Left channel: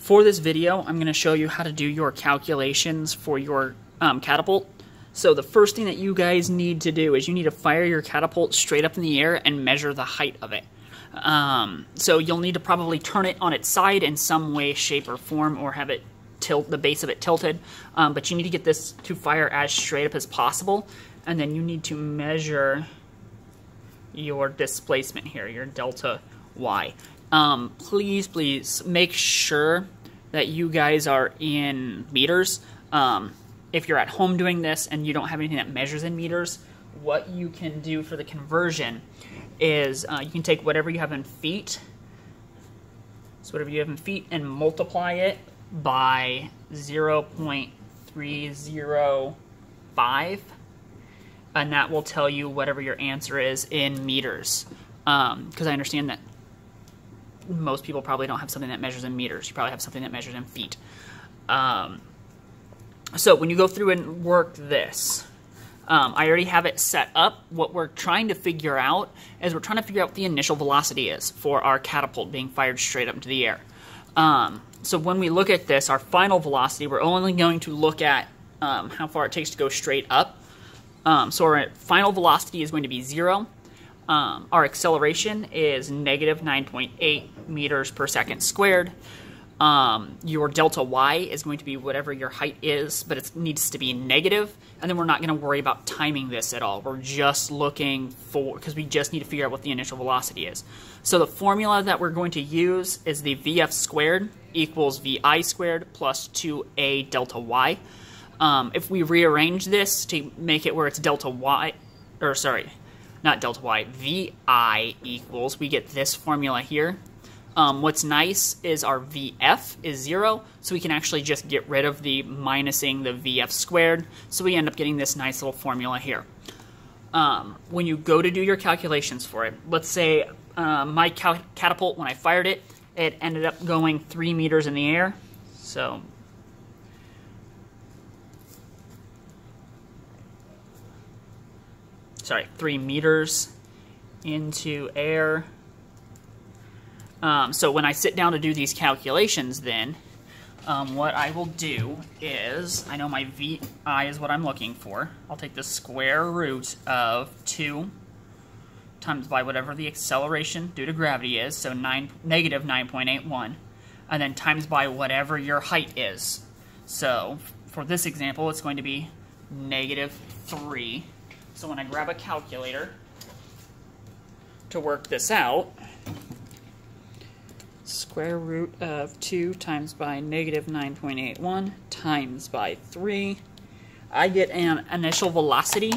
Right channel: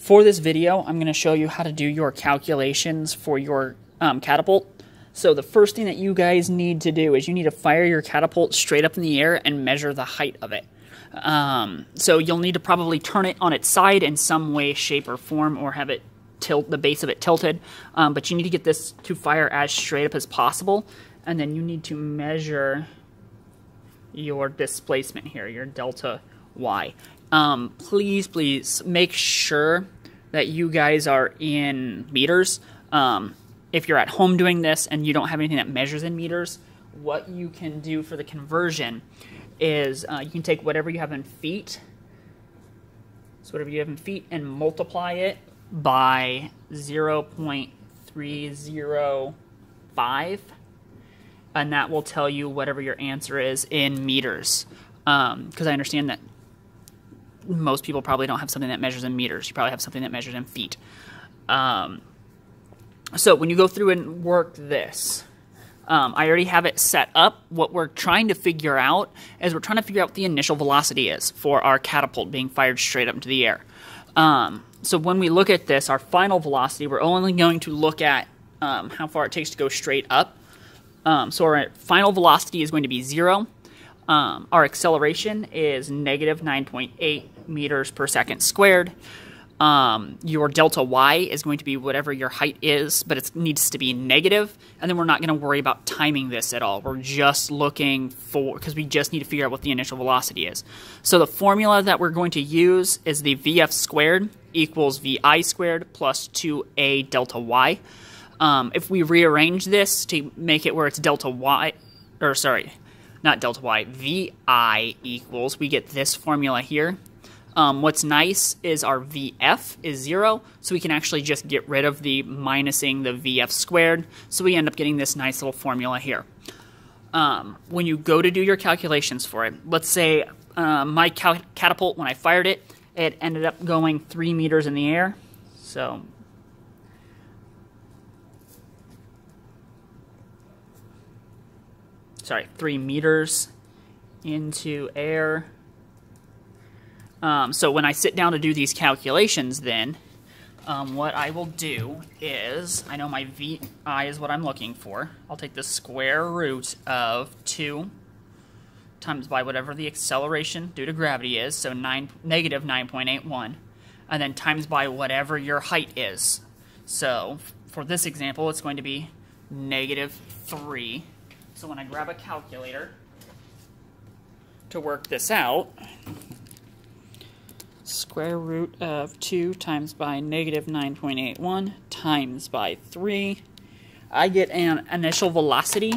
For this video, I'm going to show you how to do your calculations for your catapult. So the first thing that you guys need to do is you need to fire your catapult straight up in the air and measure the height of it. So you'll need to probably turn it on its side in some way, shape, or form, or have it tilt the base of it tilted. But you need to get this to fire as straight up as possible, and then you need to measure your displacement here, your delta Y. Please make sure that you guys are in meters. If you're at home doing this and you don't have anything that measures in meters, what you can do for the conversion is you can take whatever you have in feet, so whatever you have in feet, and multiply it by 0.305, and that will tell you whatever your answer is in meters. Because I understand that most people probably don't have something that measures in meters. You probably have something that measures in feet. So when you go through and work this, I already have it set up. What we're trying to figure out is we're trying to figure out what the initial velocity is for our catapult being fired straight up into the air. So when we look at this, our final velocity, we're only going to look at how far it takes to go straight up. So our final velocity is going to be 0. Our acceleration is negative 9.8 meters per second squared. Your delta Y is going to be whatever your height is, but it needs to be negative, and then we're not going to worry about timing this at all. We're just looking for, because we just need to figure out what the initial velocity is. So the formula that we're going to use is the VF squared equals VI squared plus 2A delta Y. If we rearrange this to make it where it's delta Y, or sorry, not delta Y, VI equals, we get this formula here. What's nice is our VF is 0, so we can actually just get rid of the minusing the VF squared, so we end up getting this nice little formula here. When you go to do your calculations for it, let's say my catapult, when I fired it, it ended up going 3 meters in the air. So sorry, 3 meters into air. So when I sit down to do these calculations then, what I will do is, I know my VI is what I'm looking for. I'll take the square root of 2 times by whatever the acceleration due to gravity is, so negative 9.81, and then times by whatever your height is. So for this example, it's going to be negative 3. So when I grab a calculator to work this out, square root of 2 times by negative 9.81 times by 3, I get an initial velocity.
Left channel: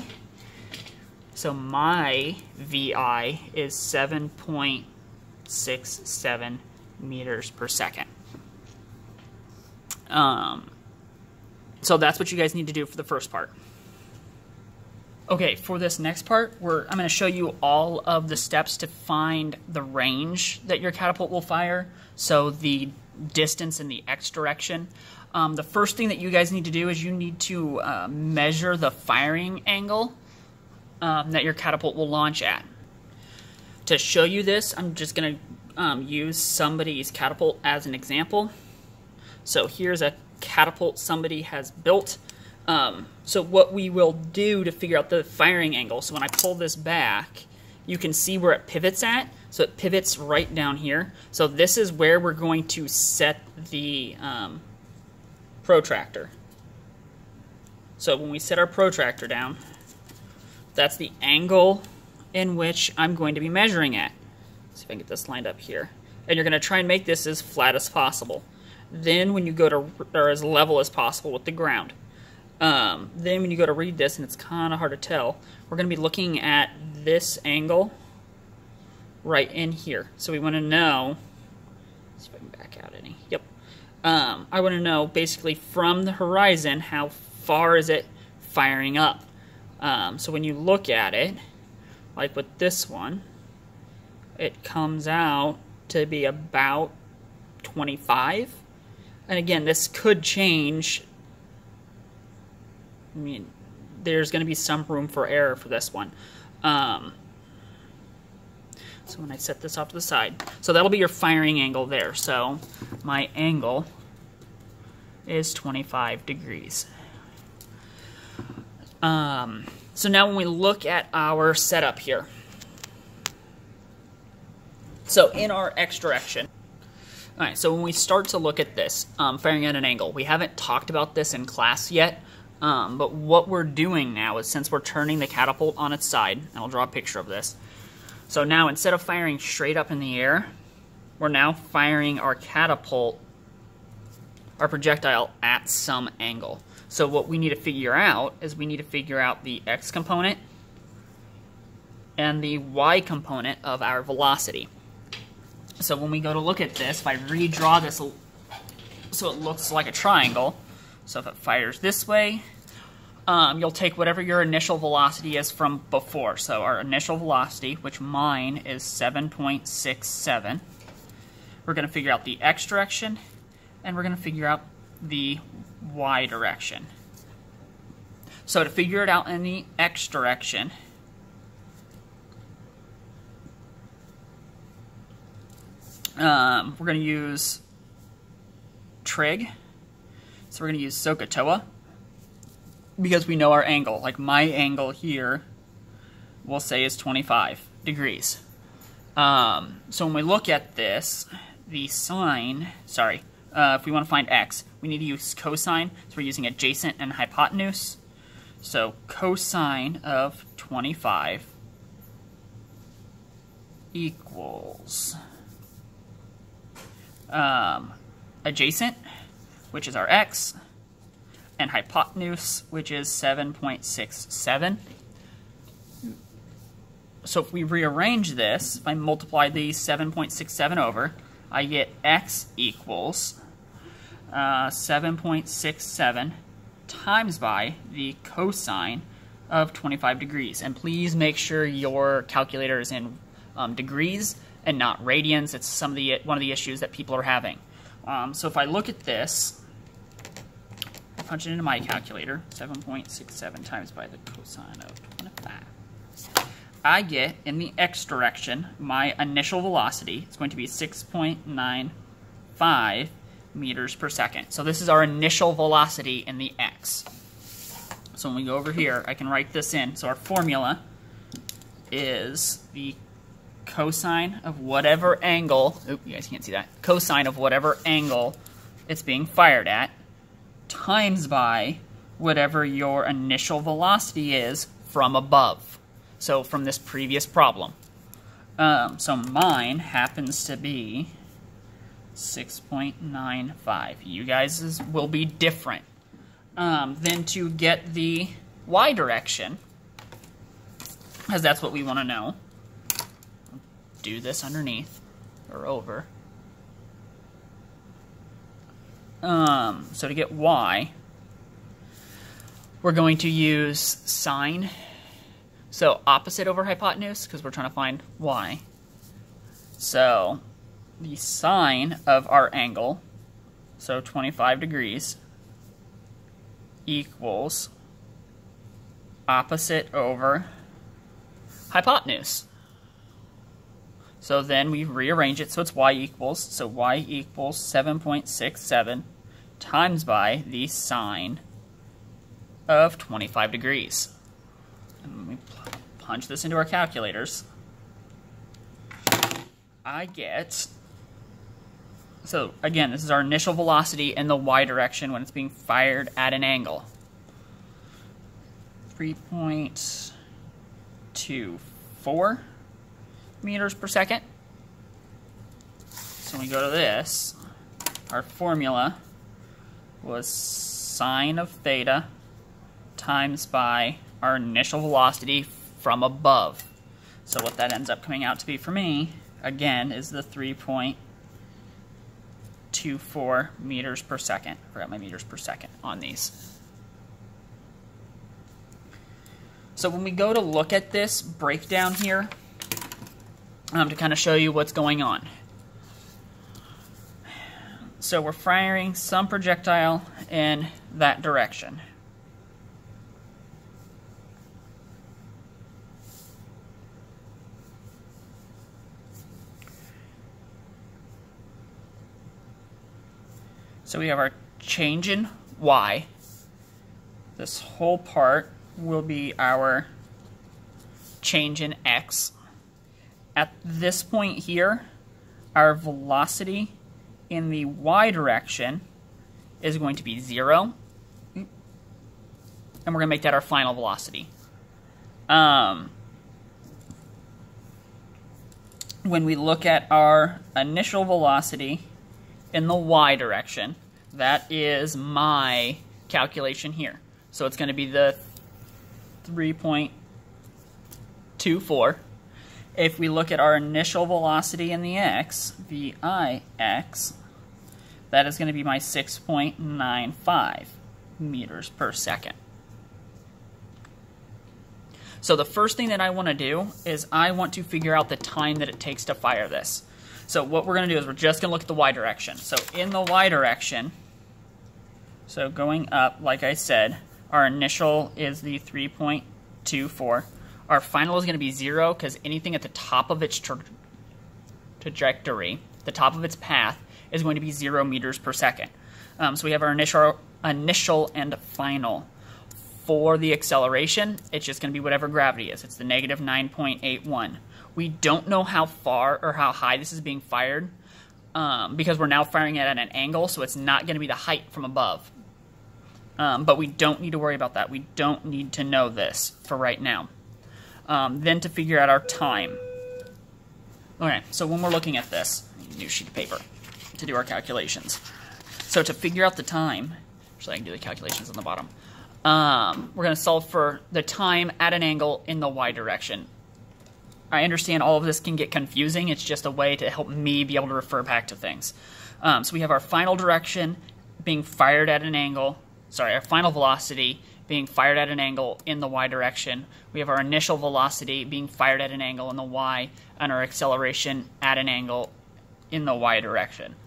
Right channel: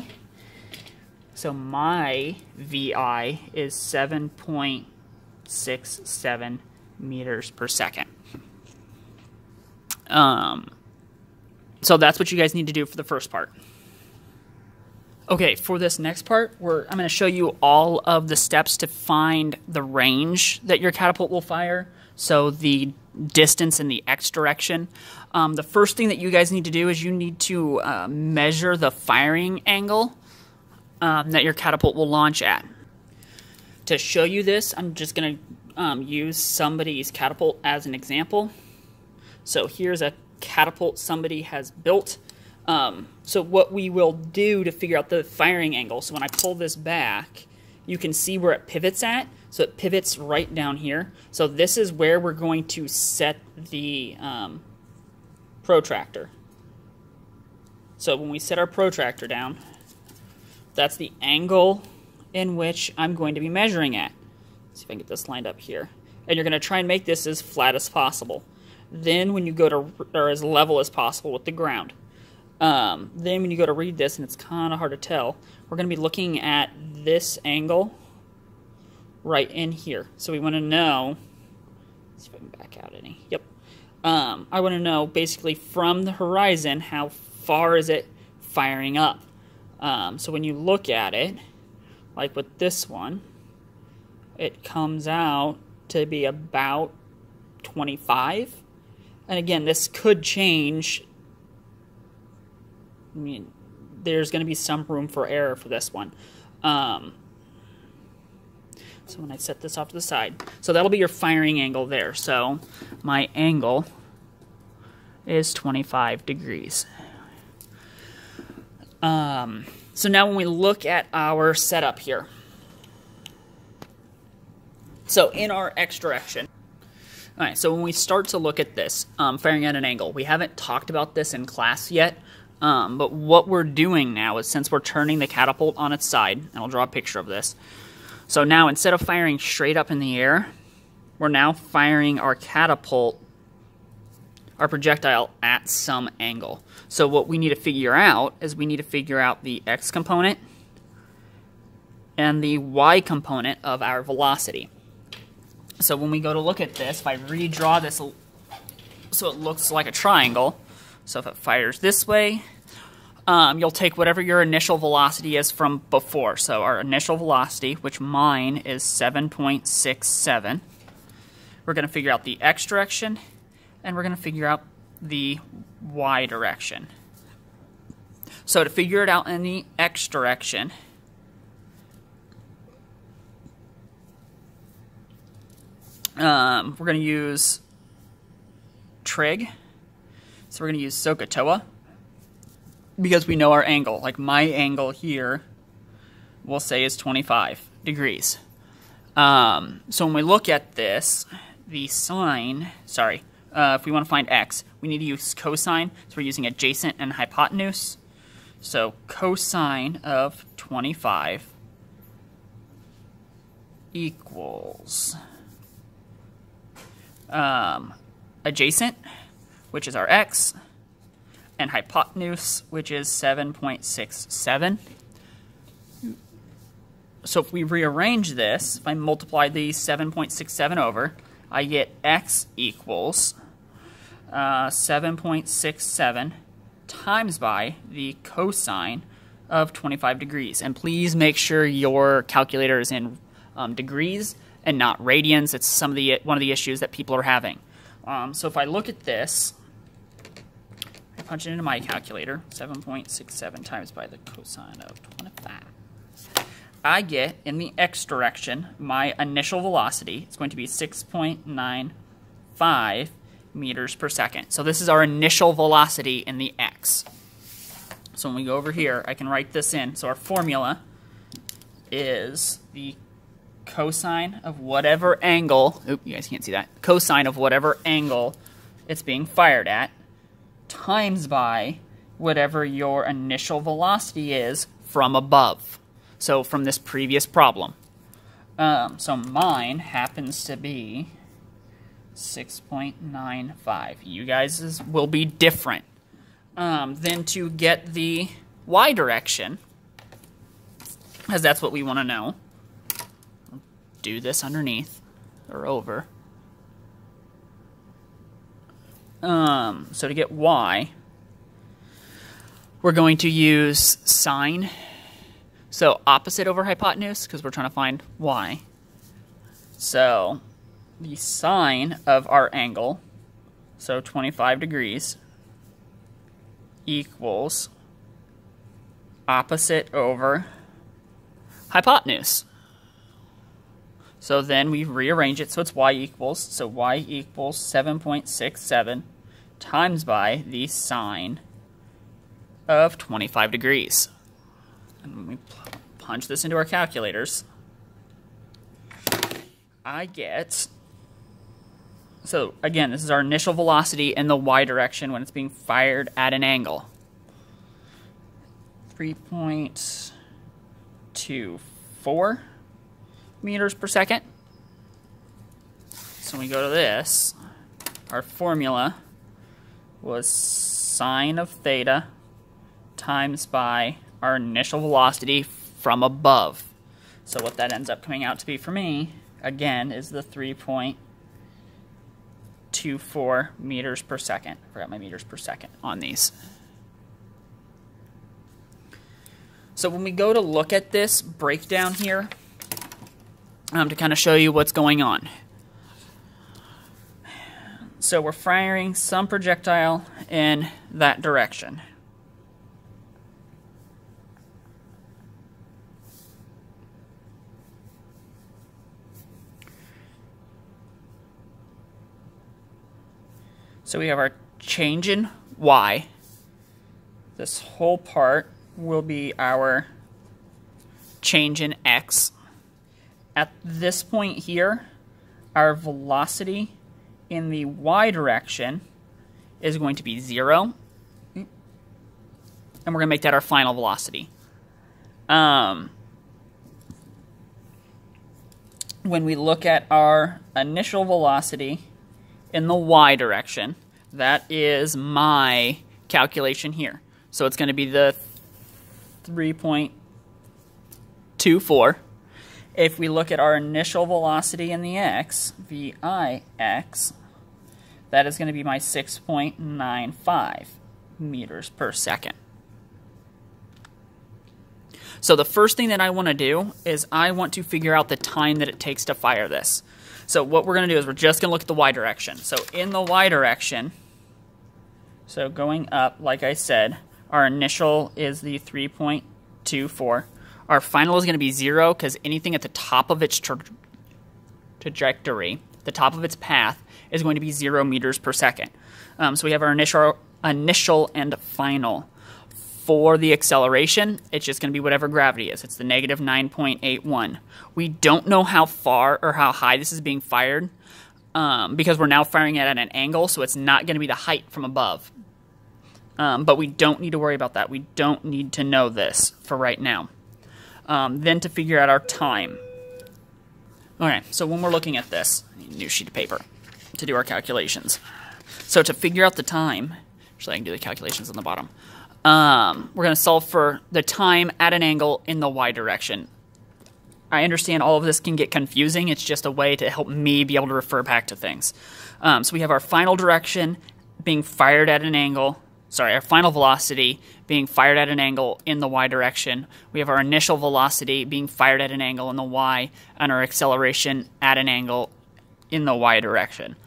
So my VI is 7.67 meters per second. So that's what you guys need to do for the first part. Okay, for this next part, I'm going to show you all of the steps to find the range that your catapult will fire, so the distance in the X direction. The first thing that you guys need to do is you need to measure the firing angle that your catapult will launch at. To show you this, I'm just going to use somebody's catapult as an example. So here's a catapult somebody has built. So what we will do to figure out the firing angle, so when I pull this back, you can see where it pivots at. So it pivots right down here. So this is where we're going to set the protractor. So when we set our protractor down, that's the angle in which I'm going to be measuring at. Let's see if I can get this lined up here. And you're going to try and make this as flat as possible. Then when you go to, or as level as possible with the ground. Then when you go to read this, and it's kind of hard to tell, we're going to be looking at this angle right in here. So we want to know, let's see if I can back out any. Yep. I want to know basically from the horizon how far is it firing up. So when you look at it, like with this one, it comes out to be about 25. And again, this could change. I mean, there's going to be some room for error for this one. So when I set this off to the side, so that'll be your firing angle there. So my angle is 25 degrees. So now when we look at our setup here, so in our X direction, all right, so when we start to look at this, firing at an angle, we haven't talked about this in class yet, but what we're doing now is, since we're turning the catapult on its side, and I'll draw a picture of this. So now instead of firing straight up in the air, we're now firing our catapult, our projectile, at some angle. So what we need to figure out is we need to figure out the X component and the Y component of our velocity. So when we go to look at this, if I redraw this so it looks like a triangle, so if it fires this way, you'll take whatever your initial velocity is from before. So our initial velocity, which mine is 7.67, we're going to figure out the X direction, and we're going to figure out the Y direction. So to figure it out in the X direction, we're going to use trig. So we're going to use SOHCAHTOA because we know our angle. Like my angle here, we'll say is 25 degrees. So when we look at this, the sine, if we want to find X, we need to use cosine. So we're using adjacent and hypotenuse. So cosine of 25 equals adjacent, which is our X, and hypotenuse, which is 7.67. So if we rearrange this, if I multiply the 7.67 over, I get X equals 7.67 times by the cosine of 25 degrees. And please make sure your calculator is in degrees and not radians. It's one of the issues that people are having. So if I look at this, I punch it into my calculator, 7.67 times by the cosine of 25. I get, in the X direction, my initial velocity is going to be 6.95 meters per second. So this is our initial velocity in the X. So when we go over here, I can write this in. So our formula is the cosine of whatever angle, you guys can't see that, cosine of whatever angle it's being fired at, times by whatever your initial velocity is from above. So from this previous problem. So mine happens to be 6.95. You guys will be different. Then to get the Y direction, because that's what we want to know, do this underneath or over. So to get Y, we're going to use sine. So opposite over hypotenuse, because we're trying to find Y. So the sine of our angle, so 25 degrees, equals opposite over hypotenuse. So then we rearrange it so it's Y equals, so Y equals 7.67 times by the sine of 25 degrees. And when we punch this into our calculators, I get, so again, this is our initial velocity in the Y direction when it's being fired at an angle. 3.24 meters per second. So when we go to this, our formula was sine of theta times by our initial velocity from above. So what that ends up coming out to be for me, again, is the 3.24 meters per second. I forgot my meters per second on these. So when we go to look at this breakdown here, to kind of show you what's going on. So we're firing some projectile in that direction. So we have our change in y. This whole part will be our change in x. At this point here, our velocity in the y direction is going to be 0. And we're going to make that our final velocity. When we look at our initial velocity in the y direction, that is my calculation here. So it's going to be the 3.24. If we look at our initial velocity in the x, VIX, that is going to be my 6.95 meters per second. So the first thing that I want to do is I want to figure out the time that it takes to fire this. So what we're going to do is we're just going to look at the y direction. So in the y direction, so going up, like I said, our initial is the 3.24. Our final is going to be 0 because anything at the top of its trajectory, the top of its path, is going to be 0 meters per second. So we have our initial and final. For the acceleration, it's just going to be whatever gravity is. It's the negative 9.81. We don't know how far or how high this is being fired because we're now firing it at an angle, so it's not going to be the height from above. But we don't need to worry about that. We don't need to know this for right now. Then to figure out our time. Okay, so when we're looking at this, I need a new sheet of paper to do our calculations. So to figure out the time, actually I can do the calculations on the bottom. We're going to solve for the time at an angle in the y direction. I understand all of this can get confusing. It's just a way to help me be able to refer back to things. So we have our final direction being fired at an angle. Sorry, our final velocity being fired at an angle in the y direction. We have our initial velocity being fired at an angle in the y, and our acceleration at an angle in the y direction.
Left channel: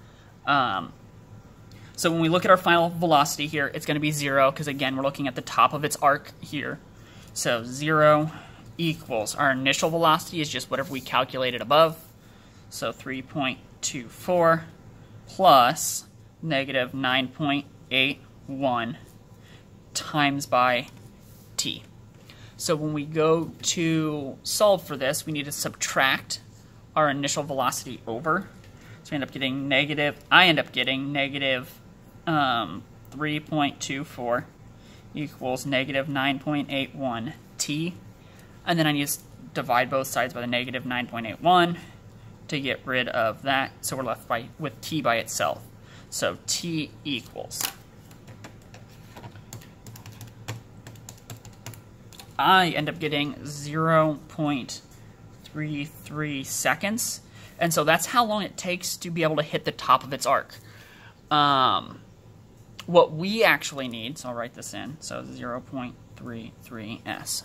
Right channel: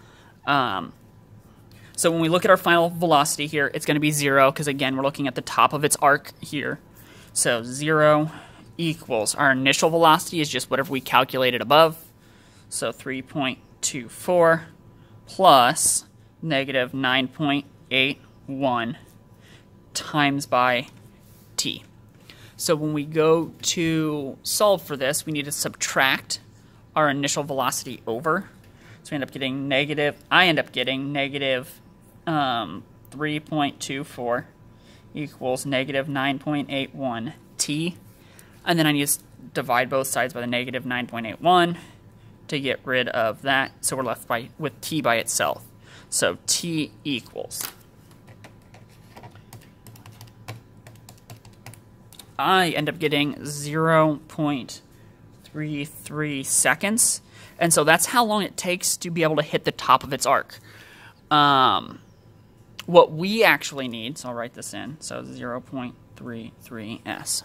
So when we look at our final velocity here, it's going to be 0 because, again, we're looking at the top of its arc here. So 0 equals our initial velocity is just whatever we calculated above. So 3.24 plus negative 9.81 times by t. So when we go to solve for this, we need to subtract our initial velocity over. So we end up getting negative, I end up getting negative 3.24 equals negative 9.81 t. And then I need to divide both sides by the negative 9.81 to get rid of that. So we're left with t by itself. So t equals, I end up getting 0.33 seconds. And so that's how long it takes to be able to hit the top of its arc. What we actually need, so I'll write this in, so 0.33s.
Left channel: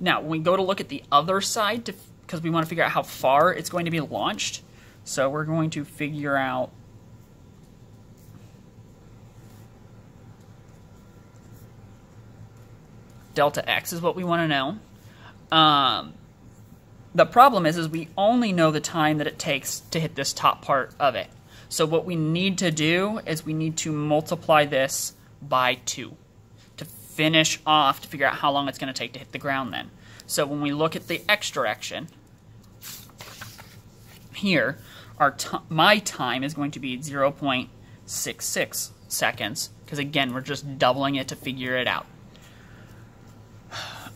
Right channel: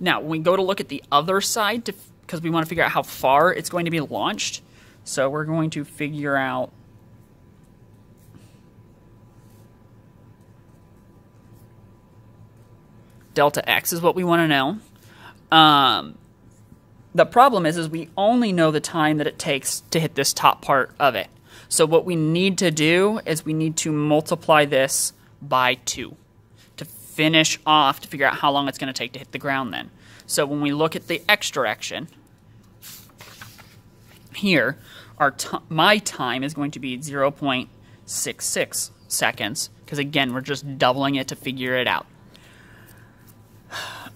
Now, when we go to look at the other side, because we want to figure out how far it's going to be launched, so we're going to figure out delta x is what we want to know. The problem is we only know the time that it takes to hit this top part of it. So what we need to do is we need to multiply this by 2 to finish off, to figure out how long it's going to take to hit the ground then. So when we look at the x direction, here, my time is going to be 0.66 seconds, because again, we're just doubling it to figure it out.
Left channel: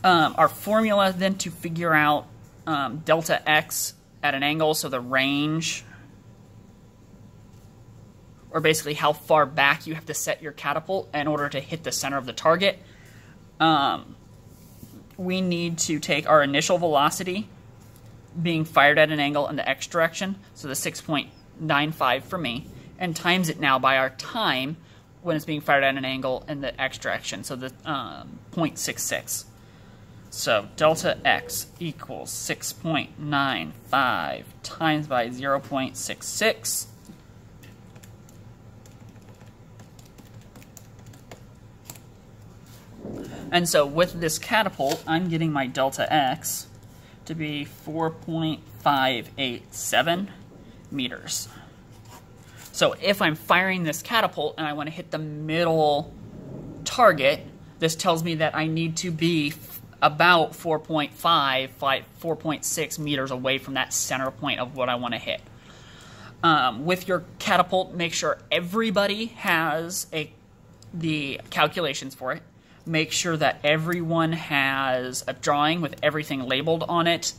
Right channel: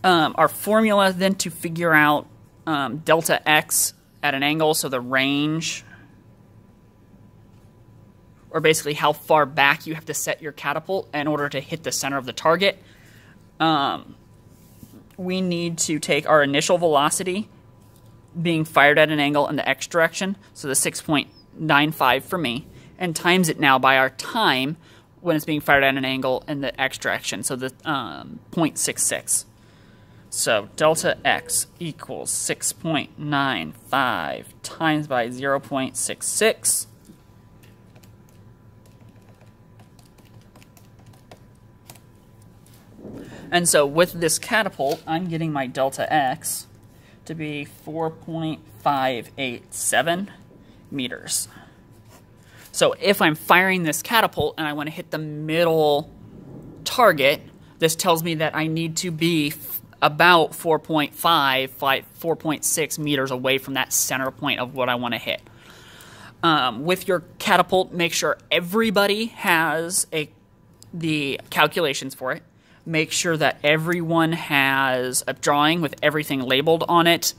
Our formula then to figure out delta x at an angle, so the range, or basically how far back you have to set your catapult in order to hit the center of the target. We need to take our initial velocity being fired at an angle in the x direction, so the 6.95 for me, and times it now by our time when it's being fired at an angle in the x direction, so the 0.66. So delta x equals 6.95 times by 0.66. And so with this catapult, I'm getting my delta x to be 4.587 meters. So So if I'm firing this catapult and I want to hit the middle target, this tells me that I need to be about 4.6 meters away from that center point of what I want to hit. With your catapult, make sure everybody has the calculations for it. Make sure that everyone has a drawing with everything labeled on it.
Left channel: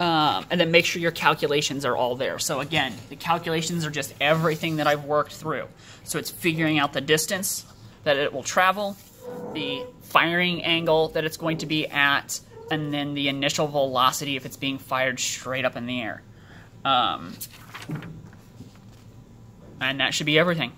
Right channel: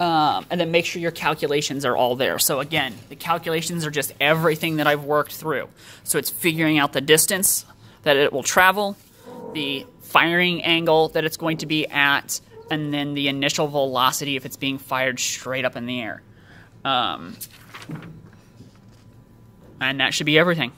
And then make sure your calculations are all there. So again, the calculations are just everything that I've worked through. So it's figuring out the distance that it will travel, the firing angle that it's going to be at, and then the initial velocity if it's being fired straight up in the air. And that should be everything.